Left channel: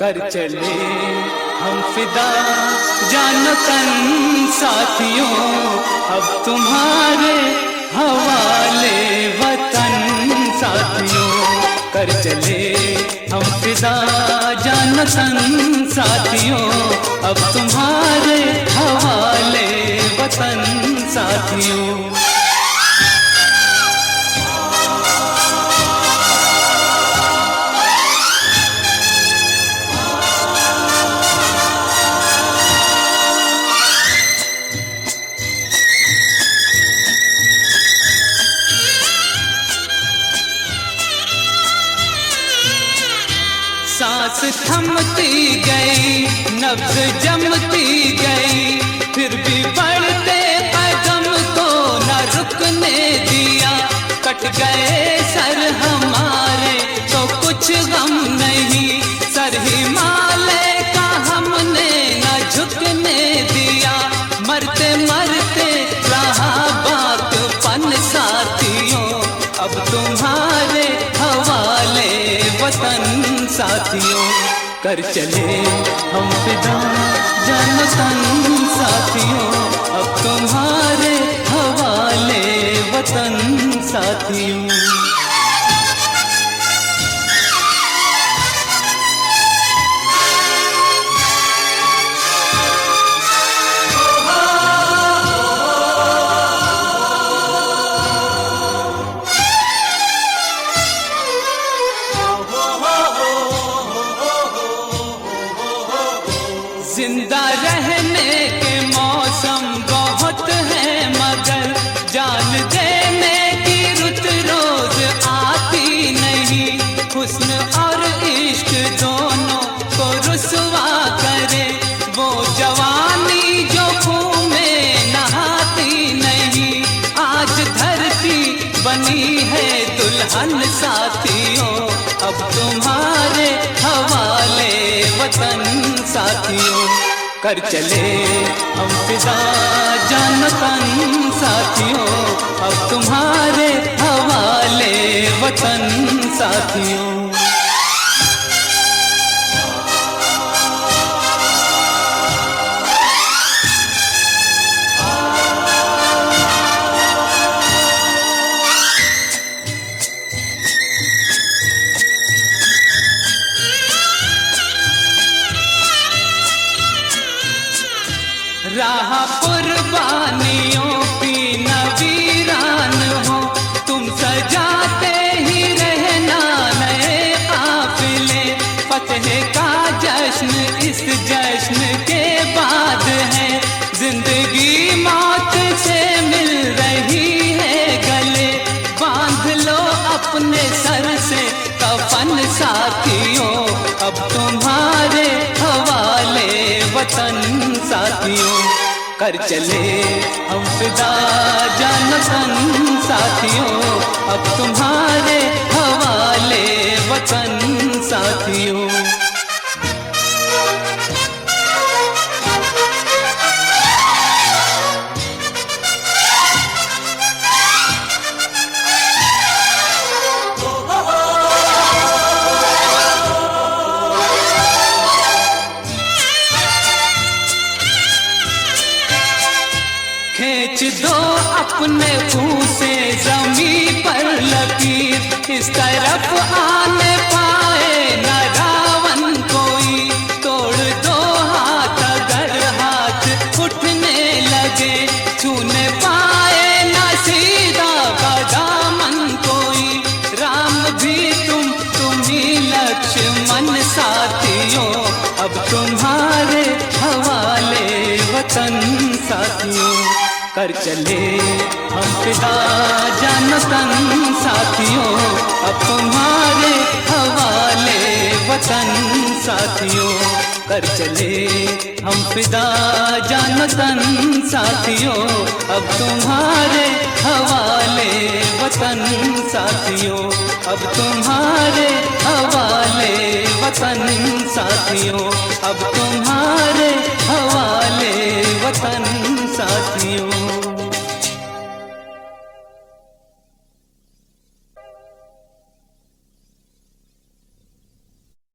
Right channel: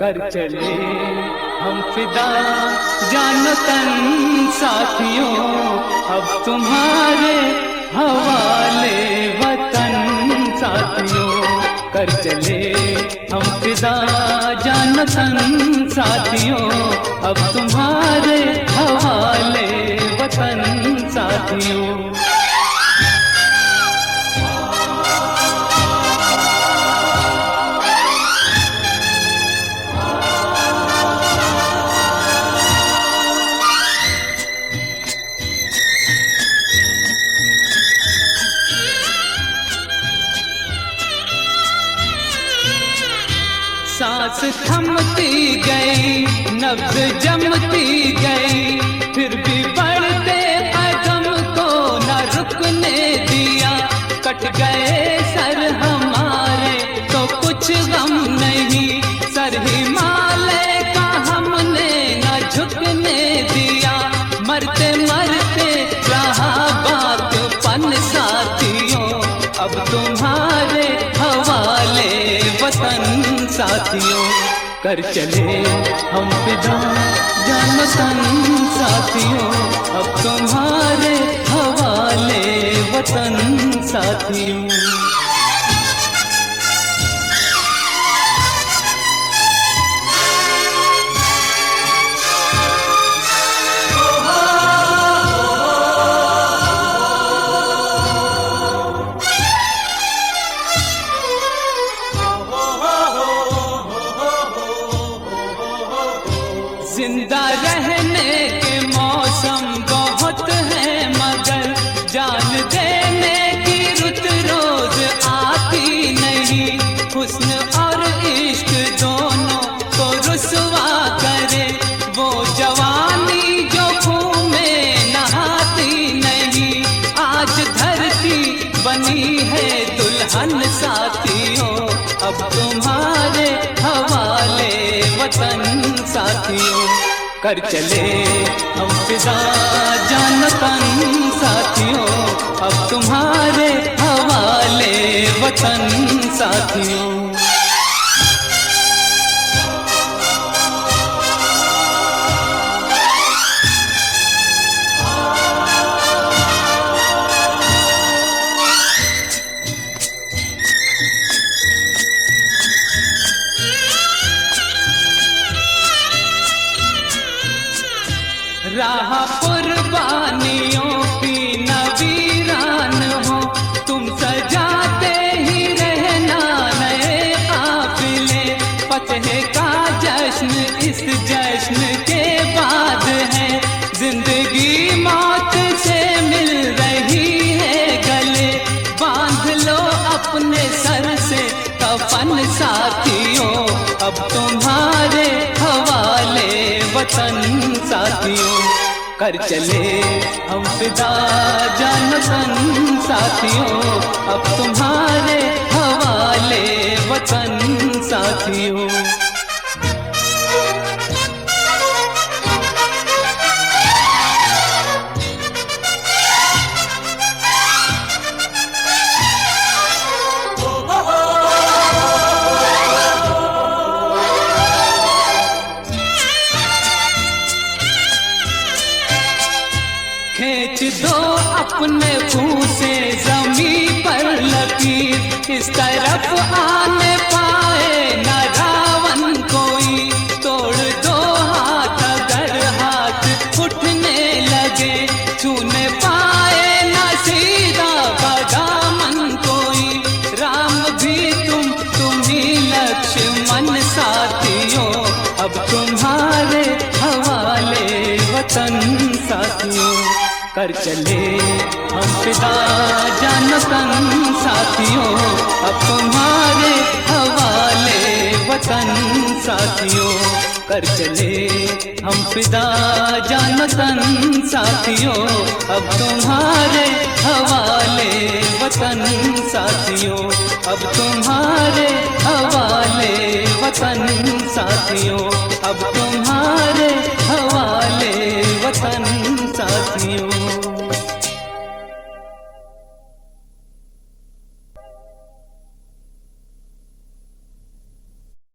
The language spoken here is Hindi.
कर चले हम फिदा जानो तन साथियों, अब तुम्हारे हवाले वतन साथियों। कर चले हम फिदा जानो तन साथियों, अब तुम्हारे हवाले वतन साथियों। सांस थमती गई, नब्ज जमती गई, फिर भी बढ़ते कदम को न रुकने दिया। कट गए सर हमारे तो कुछ गम नहीं, सर हिमालय का हमने न झुकने दिया। मरते मरते रहा बातपन साथियों, अब तुम्हारे हवाले वतन साथियों। कर चले हम फिदा जानो तन साथियों, अब तुम्हारे हवाले वतन साथियों। जिंदा रहने के मौसम बहुत है, मगर जान देने की रुत रोज आती नहीं। हुस्न और इश्क दोनों को रुसवा करे वो जवानी जो खून में नहाती नहीं। आज धरती बनी है दुल्हन साथियों, अब तुम्हारे हवाले वतन साथियों। कर चले हम फिदा जानो तन साथियों, अब तुम्हारे हवाले वतन साथियों। राह कुर्बानियों की नवीरान हो, तुम सजाते ही रहना नए काफिले। फतह का जश्न इस जश्न के बाद है, जिंदगी मौत से मिल रही है गले। बांध लो अपने सर से कफन साथियों, अब तुम्हारे हवाले वतन साथियों। कर चले हम फिदा जानो तन साथियों, अब तुम्हारे हवाले वतन साथियों। खींच दो अपने मुंह से जमीन पर लकीर, इस तरफ आने पाए न रावण कोई। तोड़ दो हाथ अगर हाथ उठने लगे, छूने पाए न सीधा का दामन कोई। राम भी तुम ही लक्ष्मण साथियों, अब तुम्हारे हवाले वतन साथियों। कर चले हम फिदा जानो तन साथियों, अब तुम्हारे हवाले वतन साथियों। कर चले हम फिदा जानो तन साथियों, अब तुम्हारे हवाले वतन साथियों। अब तुम्हारे हवाले वतन साथियों, अब तुम्हारे हवाले वतन